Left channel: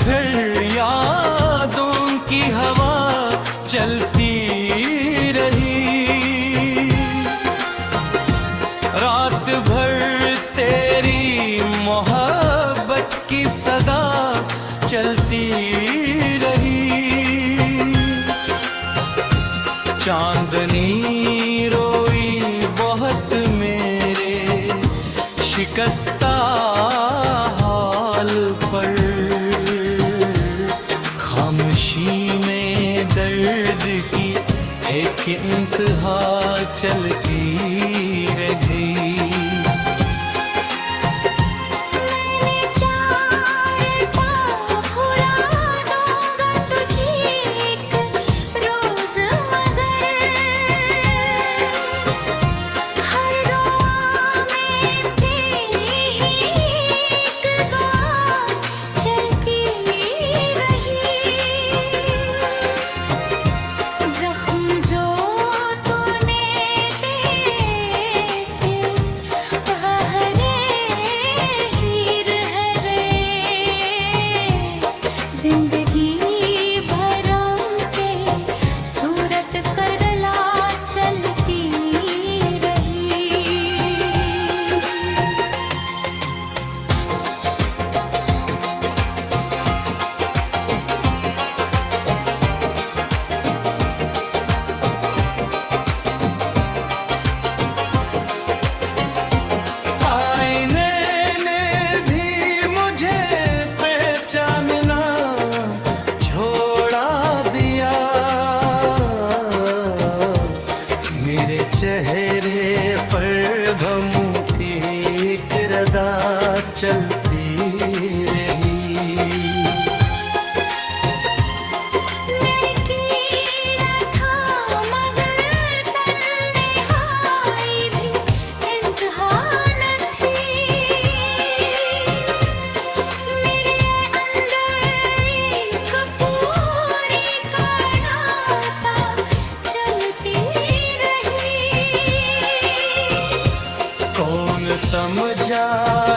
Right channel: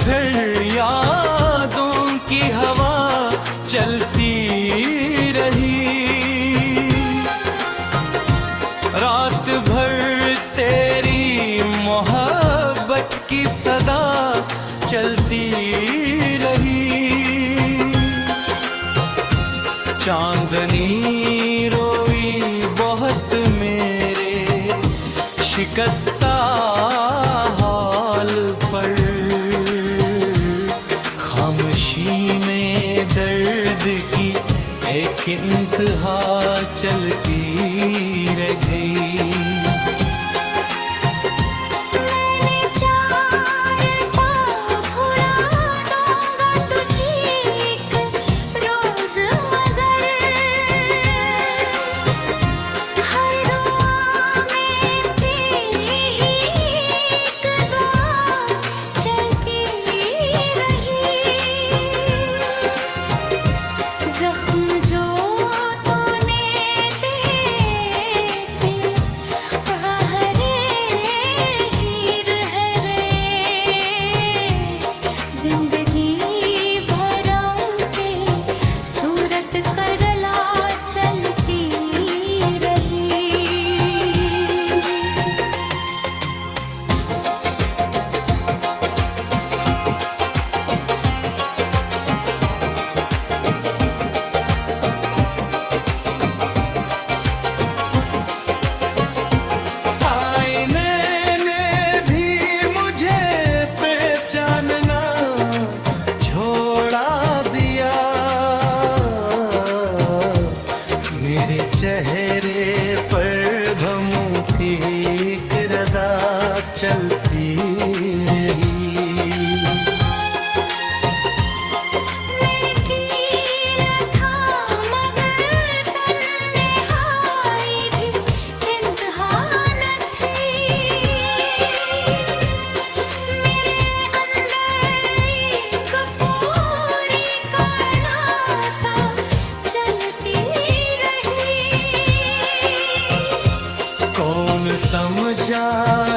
फिर यादों की हवा चलती रही। रात भर तेरी मोहब्बत की सदा चलती रही। चांदनी रोई बहुत मेरे शिकस्ता हाल पर। खामोशी में दर्द की एक इंतहा चलती रह गई। चेहरे पर भमू की एक रदा चलती रही। कौन समझा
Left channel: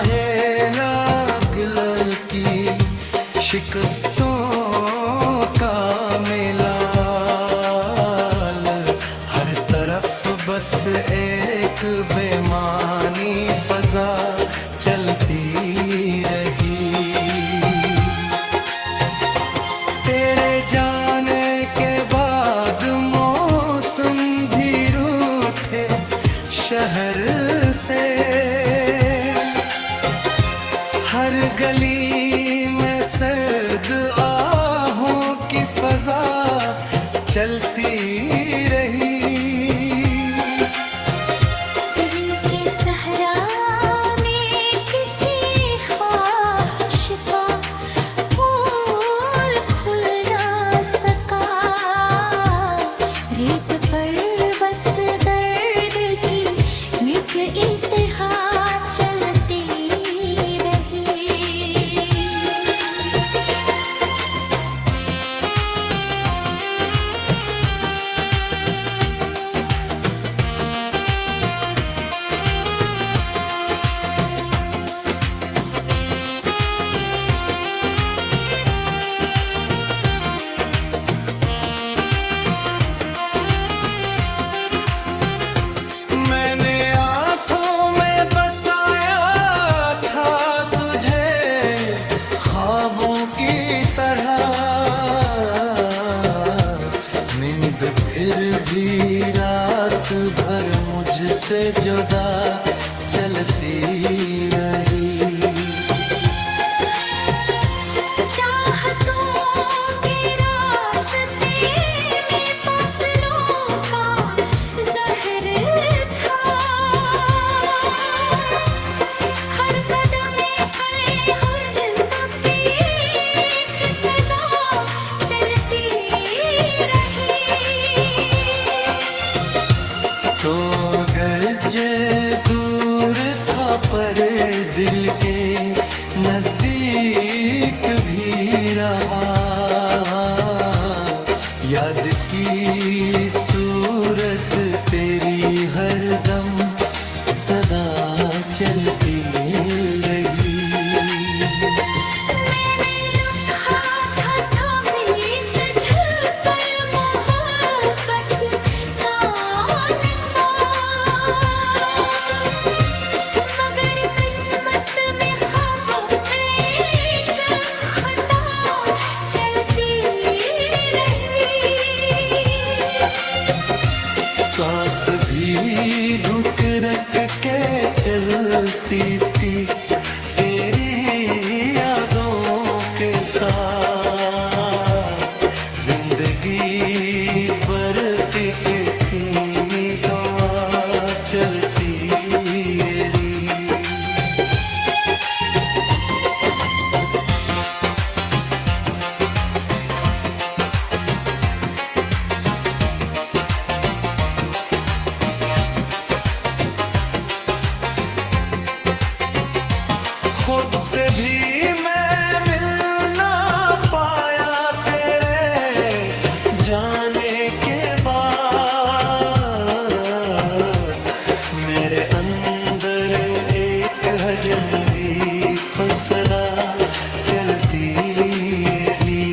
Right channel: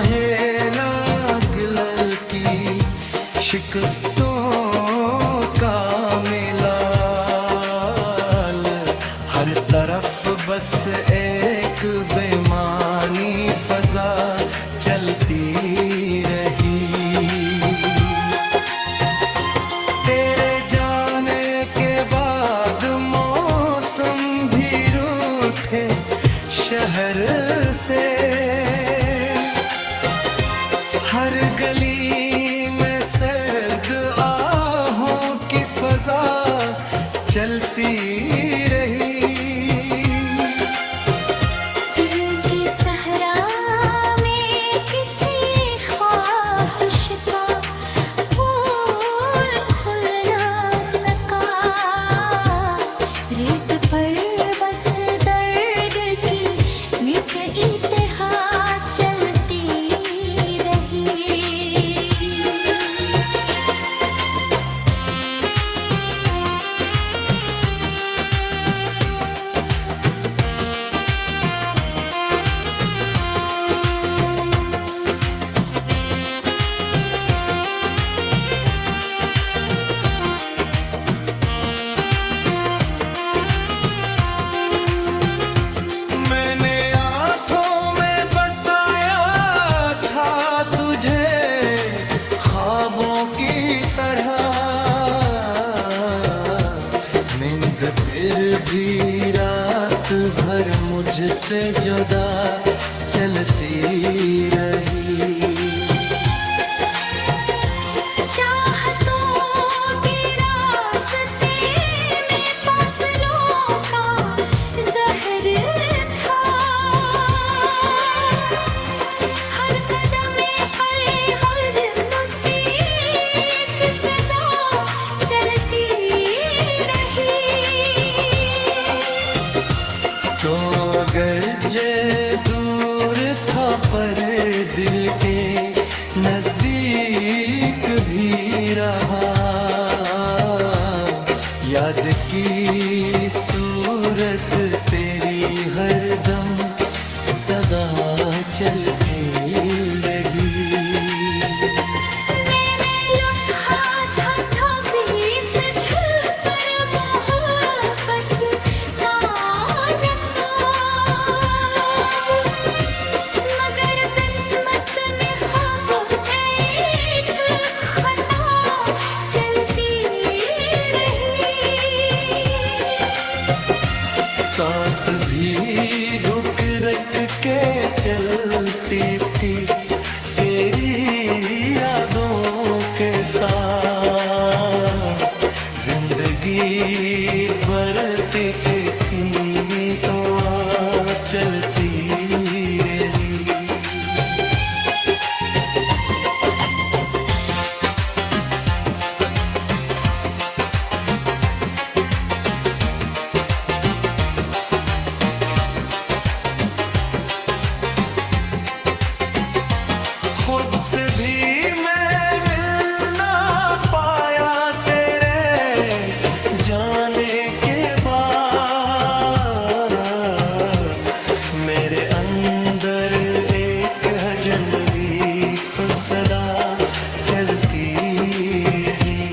है लागल की शिकस्तों का मेला। हर तरफ बस एक बेमानी फजा चलती रही। तेरे जाने के बाद मौसम भी रूठे शहर से। हर गली में सर्द आहों की फजा चलती रही। दिल की सहरा में किसी ख्वाहिश का फूल खुल ना सका। रेत पर बस दर्द की निक इतिहा चलती रही। मैंने आँखों में बसाया था तुझे ख्वाबों की तरह। नींद फिर भी रात भर मुझसे जुदा चलती रही। तो अगर जे दूर था पर दिल के नजदीक भी रहा। याद की सूरत तेरी हरदम सदा चलती रही। मैंने सांस भी रुक रख के चलती थी तेरी यादों के साथ। जिंदगी बरती थी तो चलती रही। खुद से भी मैं मिल ना पाया तेरे जाने के बाद। मेरे अंदर एक अजनबी फसला चलती रही।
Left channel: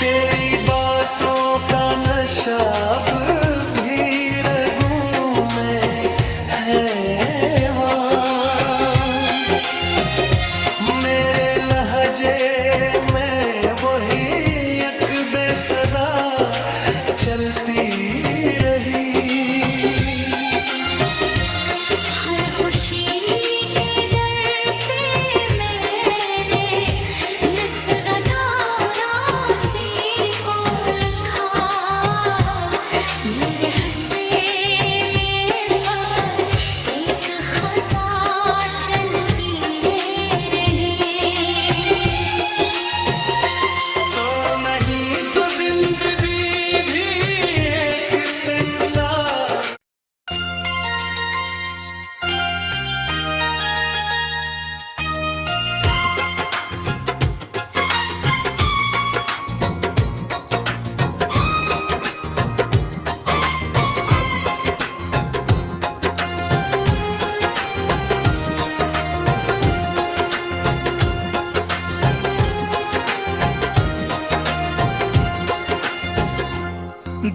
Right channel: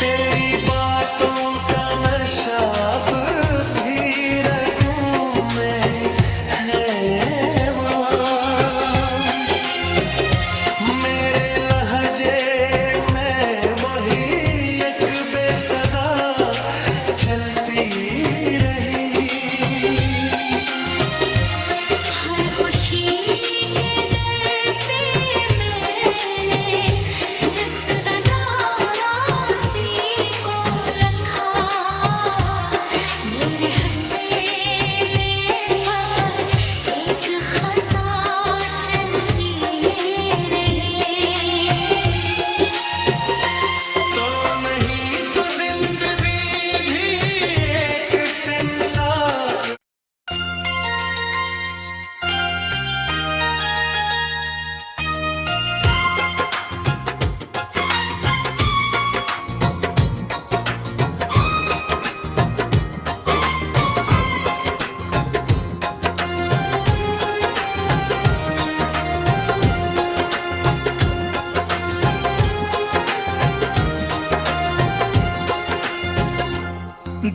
तेरी बातों का नशा अब भी रगों में है वहाँ। मेरे लहजे में वही एक बेसदा चलती रही। हर खुशी के दर पे मैंने नस्रदारा सी को लखा। मेरे हंसे में फकत एक खता चलती रही। तो नहीं तो जिंदगी भी एक संसार।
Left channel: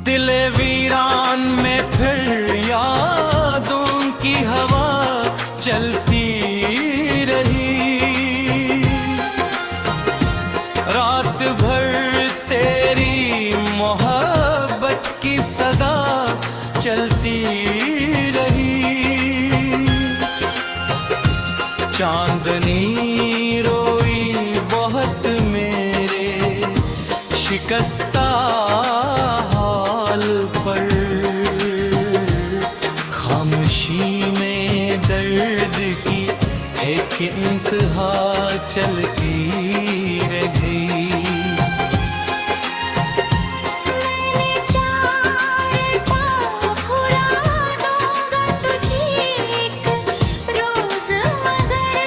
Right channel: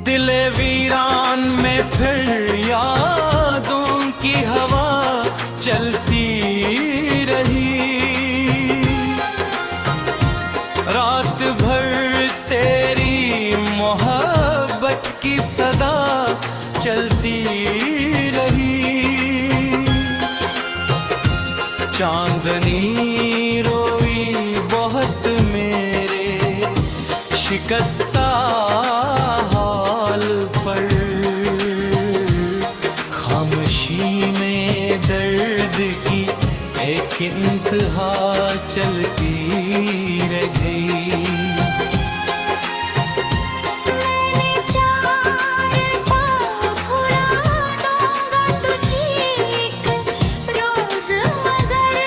दिले वीरान में फिर यादों की हवा चलती रही। रात भर तेरी मोहब्बत की सदा चलती रही। चांदनी रोई बहुत मेरे शिकस्ता हाल पर। खामोशी में दर्द की एक इंतहा चलती रह गई। मैंने चार पाँव भुला दूंगा तुझे एक रोज मगर।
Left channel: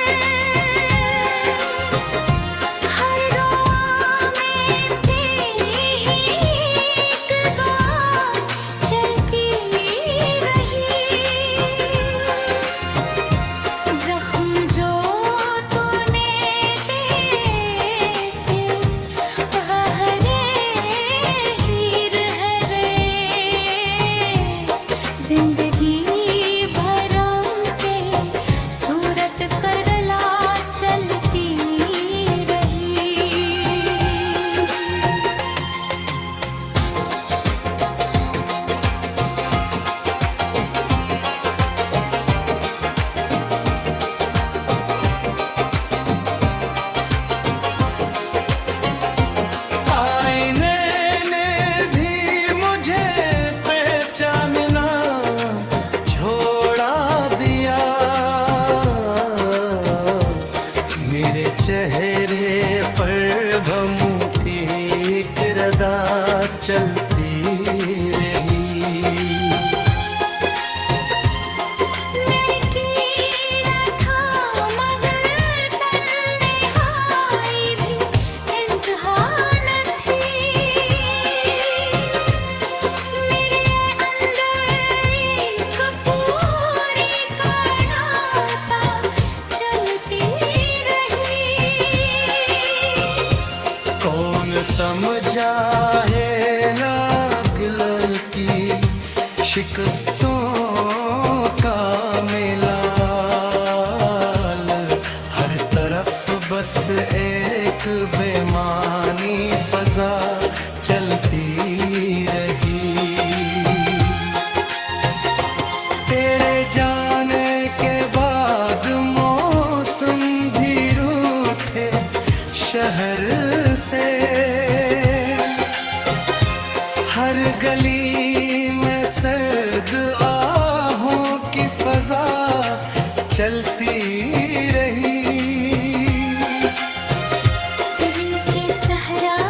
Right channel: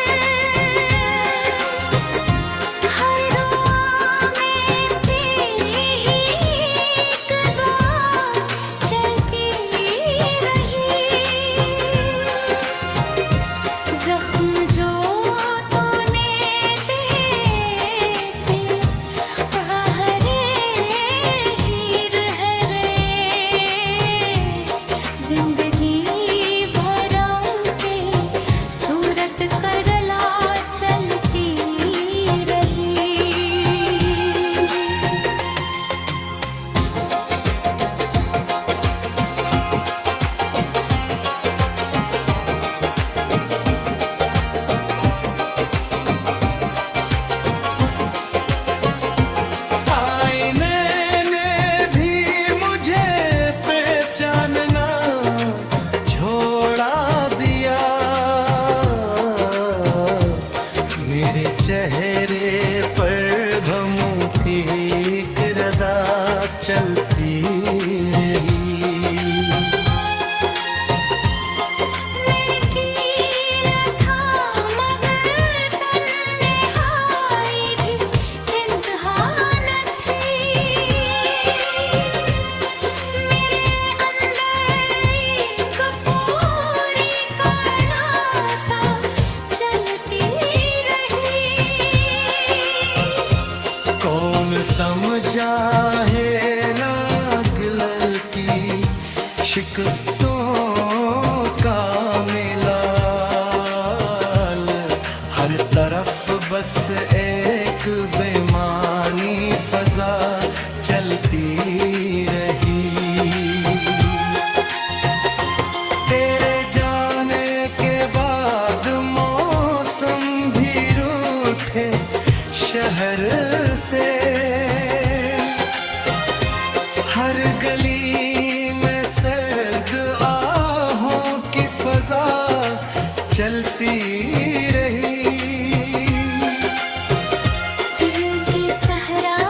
हर दुआ में तेरी ही एक दुआ चलती रही। जख्म जो तूने दिए थे हरे हीर है रे। जिंदगी भरम के सूरत करला चलती रही। आईने ने भी मुझे पहचानना समझा है नागलल की शिकस्तों का मेला, हर तरफ बस एक बेमानी फजा चलती रही। तेरे जाने के बाद मौसम भी रूठे शहर से, हर गली में सर्द आहों की फजा चलती रही। दिल के सहरा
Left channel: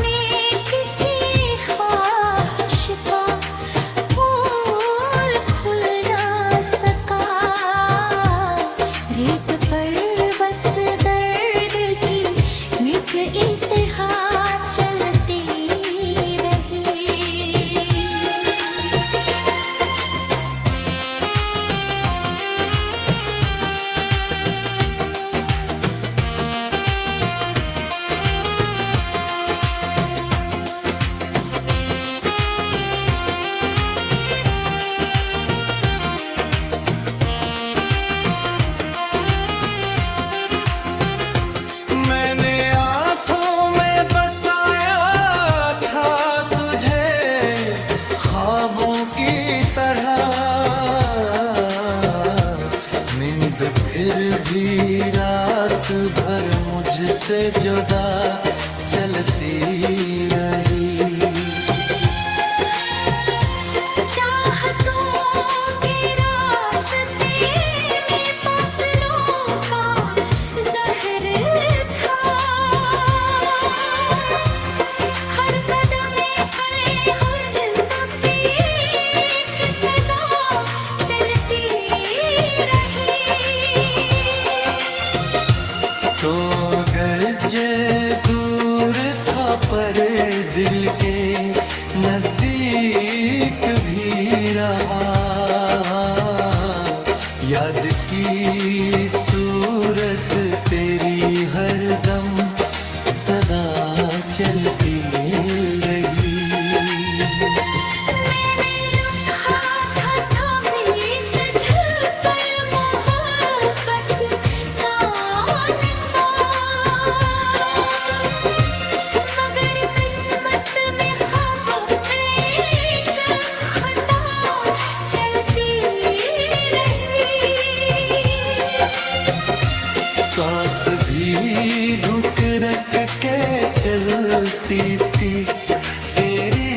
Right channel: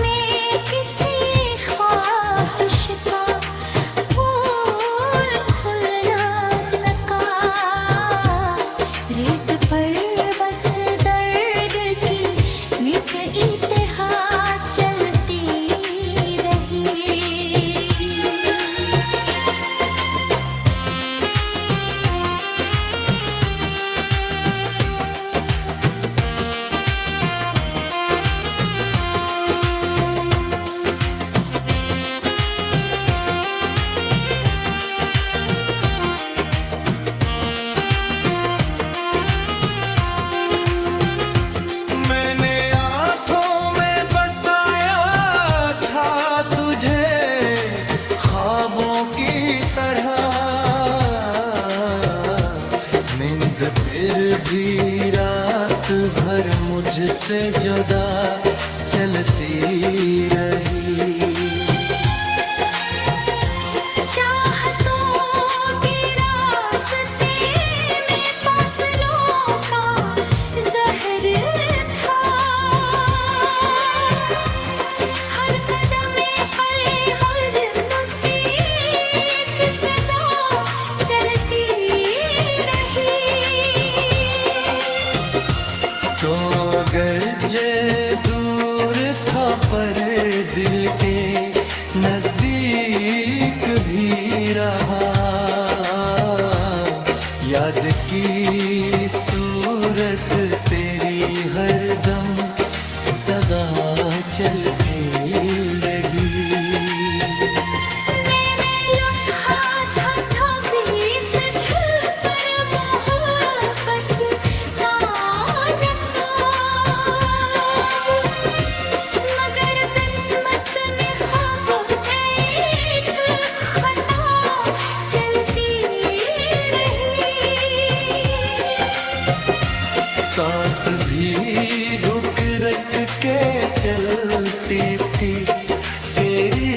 में किसी ख्वाहिश का फूल खुल ना सका, रेत पर बस दर्द की निक इतिहा चलती रही। मैंने आँखों में बसाया था तुझे ख्वाबों की तरह, नींद फिर भी रात भर मुझसे जुदा चलती रही। चाहतों के रास्ते में फासलों का ज़हर था, हर कदमे पर हम जिंदगी एक सजा चलती रही। तो अगर जे दूर था पर दिल के नजदीक भी रहा, याद की सूरत तेरी हरदम सदा चलती रही। मैंने लिखा था ताबीत झलकर मोहब्बत का नसाब, मगर किस्मत में ख्वाब एक खता चलती रही। सांस भी रुक रख के चलती थी तेरी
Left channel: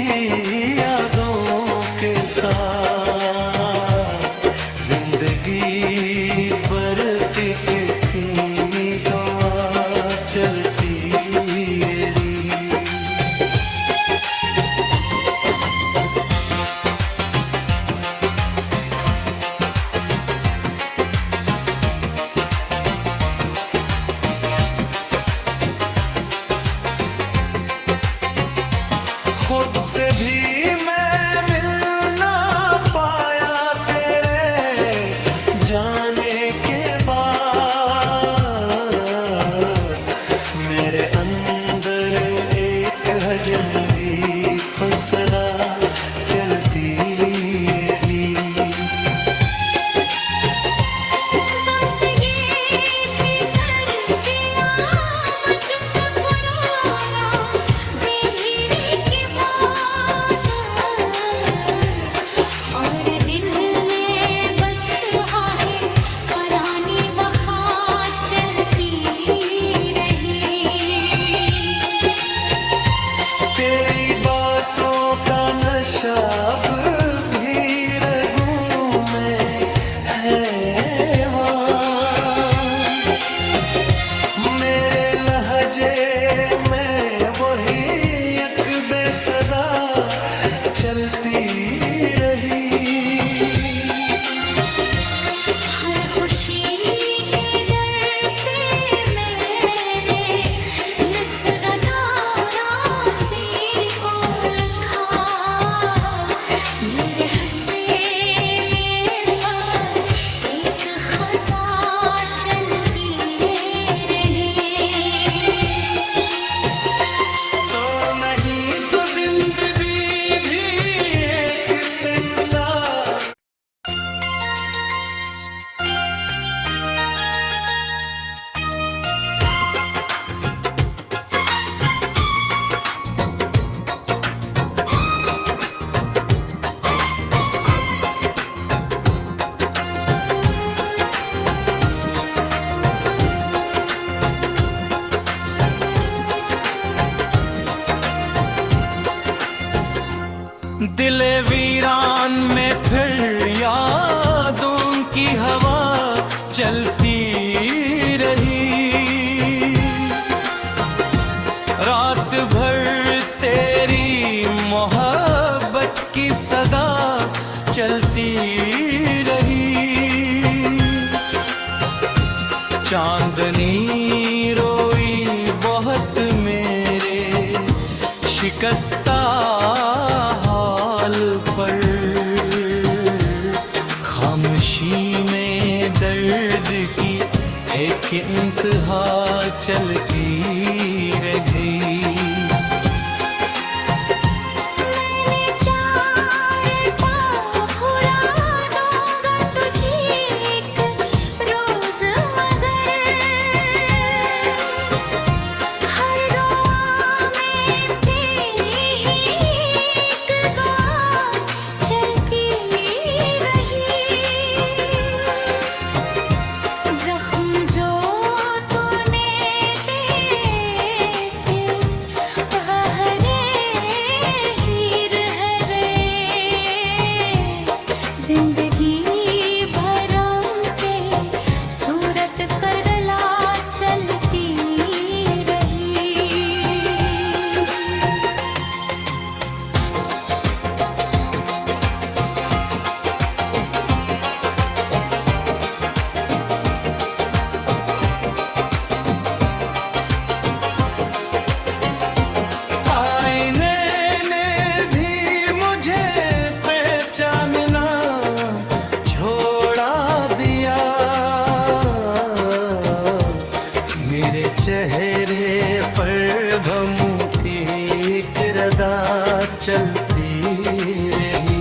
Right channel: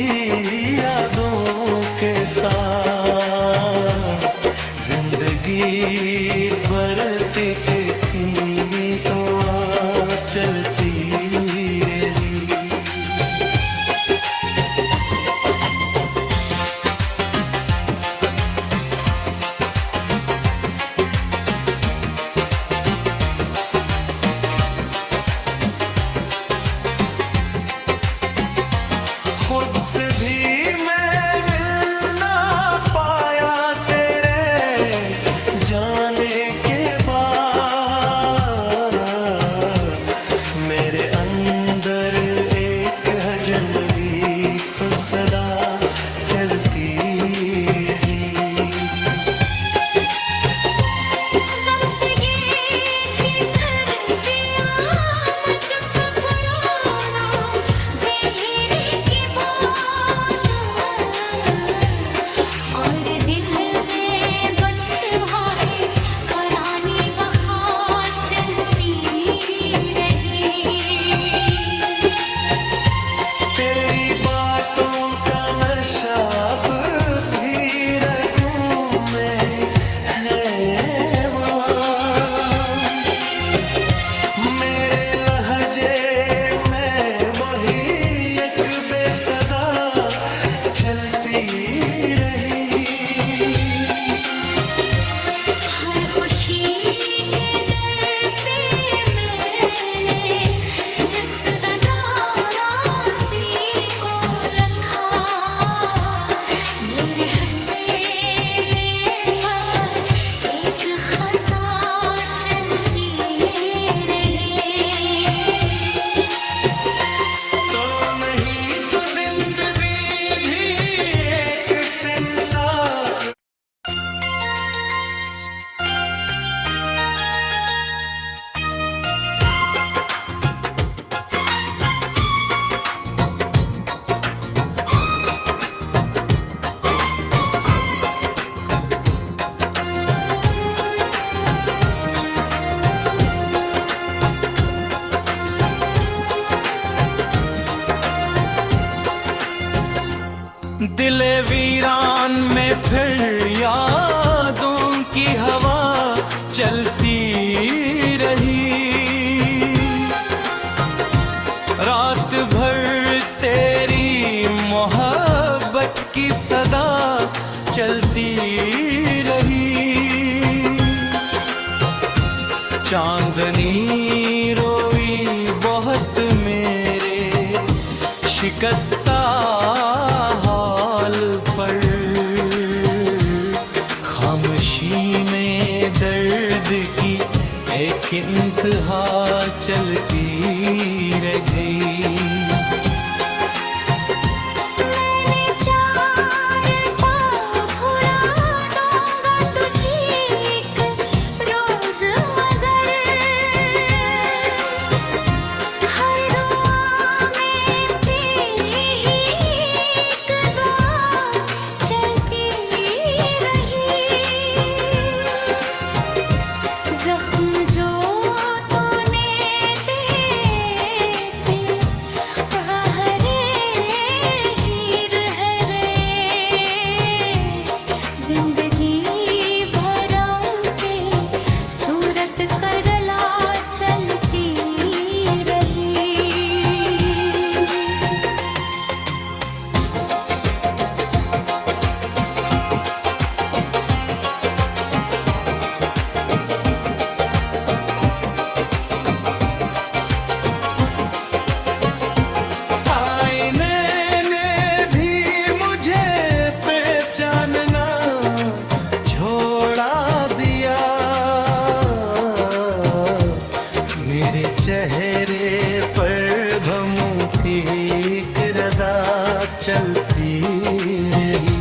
यादों के साथ, जिंदगी बढ़ती थी तो चलती रही। खुद से भी मैं मिल ना पाया तेरे जाने के बाद, मेरे अंदर एक अजनबी फसला चलती रही। ज़िंदगी ही कर दिया मुझको पुराना बेघेरे के बाद, और दिल में बस है पुरानी वफ़ा चलती रही। तेरी बातों का नशा अब भी रगों में है वहाँ, मेरे लहजे में वही एक बेसदा चलती रही। फिर यादों की हवा चलती रही। रात भर तेरी मोहब्बत की सदा चलती रही। चांदनी रोई बहुत मेरे शिकस्ता हाल पर। खामोशी में दर्द की एक इंतहा चलती रह गई। चेहरे पर भमू की एक रदा चलती रही।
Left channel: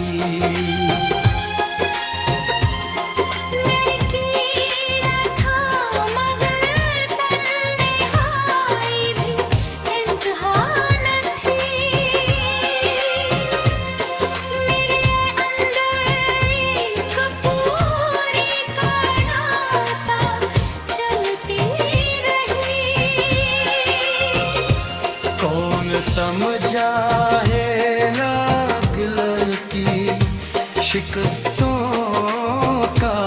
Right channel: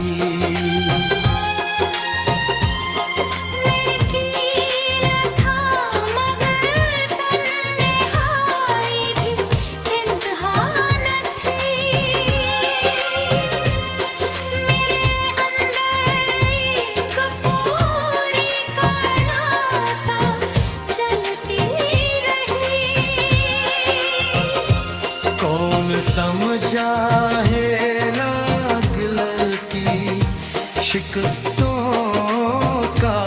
कौन समझा है लागल की शिकस्तों का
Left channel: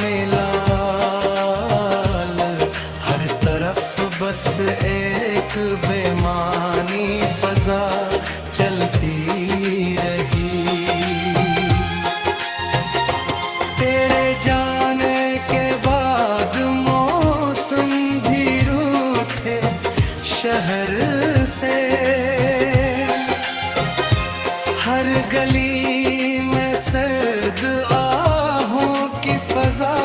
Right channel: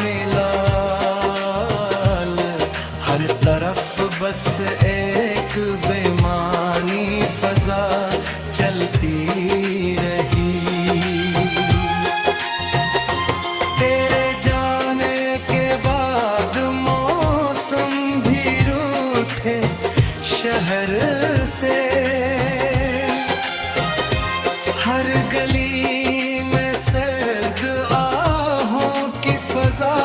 मिलाल। हर तरफ बस एक बेमानी फजा चलती रही। तेरे जाने के बाद मौसम भी रूठे शहर से। हर गली में सर्द आहों की फजा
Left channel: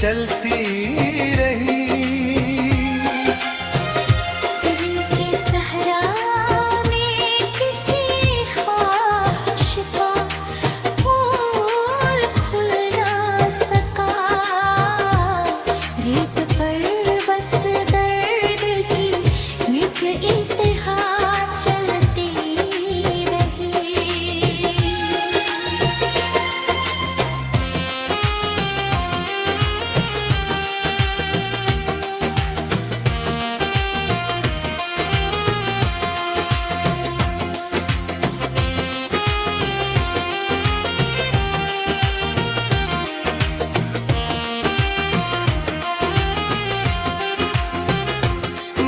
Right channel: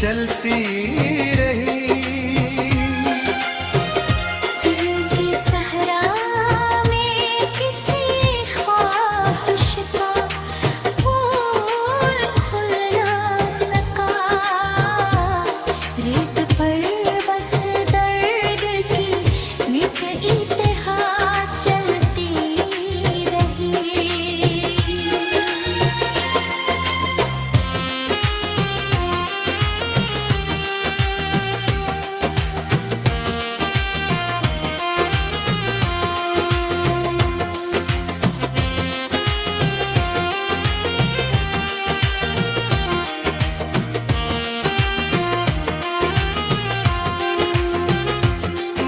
चलती रही। दिल की सहरा में किसी ख्वाहिश का फूल खुल ना सका। रेत पर बस दर्द की निक इतिहा चलती रही।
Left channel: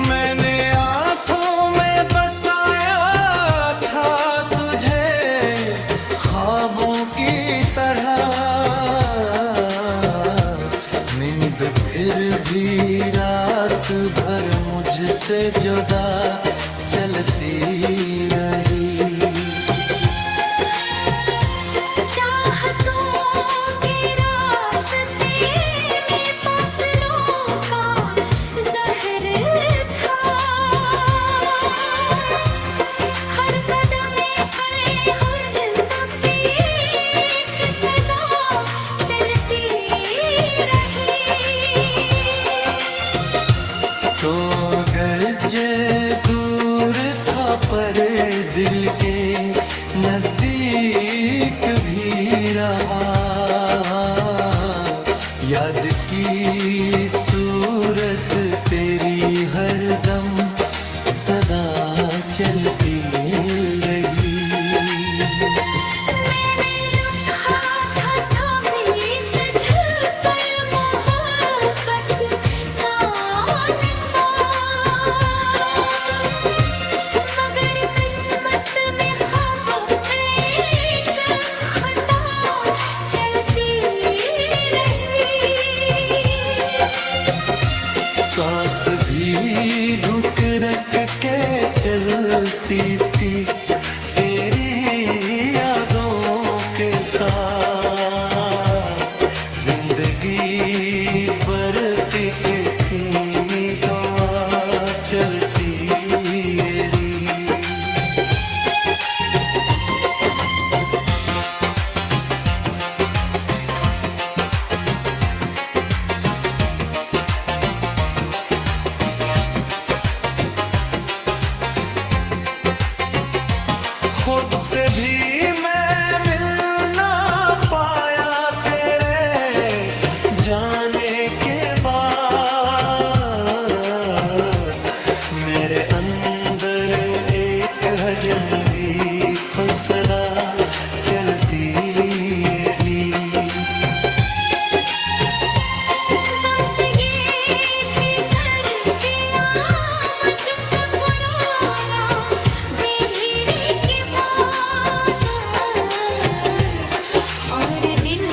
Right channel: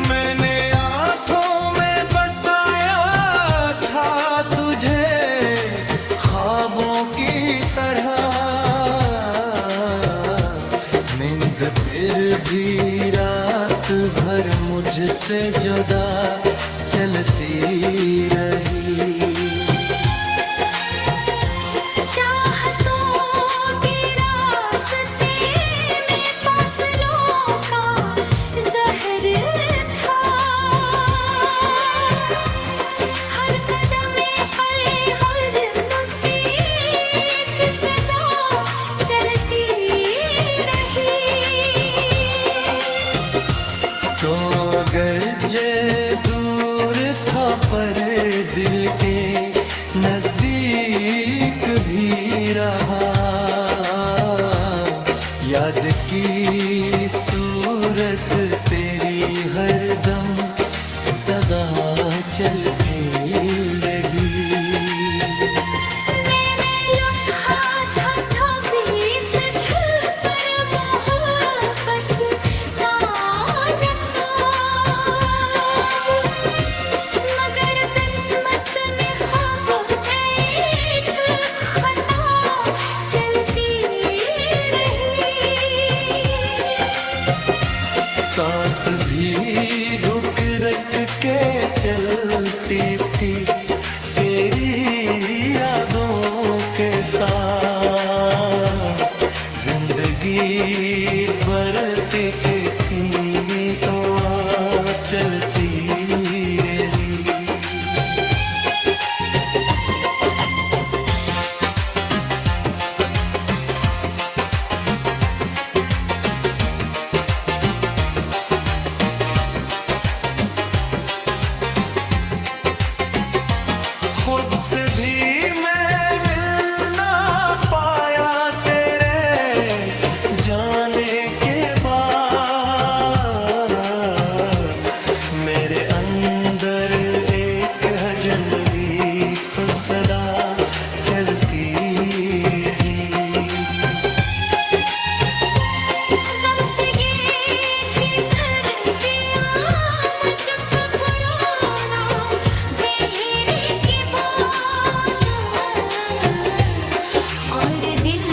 मैंने आँखों में बसाया था तुझे ख्वाबों की तरह। नींद फिर भी रात भर मुझसे जुदा चलती रही। तो अगर जे दूर था पर दिल के नजदीक भी रहा। याद की सूरत तेरी हरदम सदा चलती रही। मैंने लिखा सांस भी रुक रख के चलती थी तेरी यादों के साथ जिंदगी बरतिक थी तो आप चलती रही खुद से भी मैं मिल ना पाया तेरे जाने के बाद मेरे अंदर एक अजनबी फसला चलती रही ज़िंदगी ही कर दिया मुझको पुराना बेघेरे के बाद और दिल